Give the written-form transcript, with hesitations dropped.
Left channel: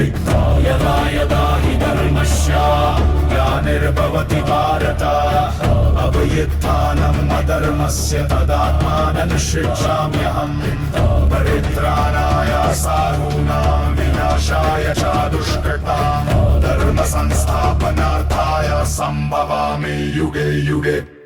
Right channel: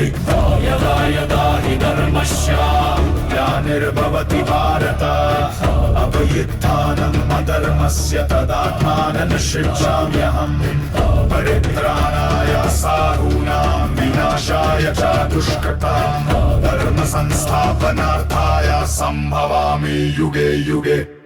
यदा यदा हि धर्मस्य ग्लानिर्भवति भारत अभ्युत्थानम् अधर्मस्य तदात्मानं सृजाम्यहम् परित्राणाय साधूनां विनाशाय च दुष्कृतां धर्म संस्थापनार्थाय संभवामि युगे युगे।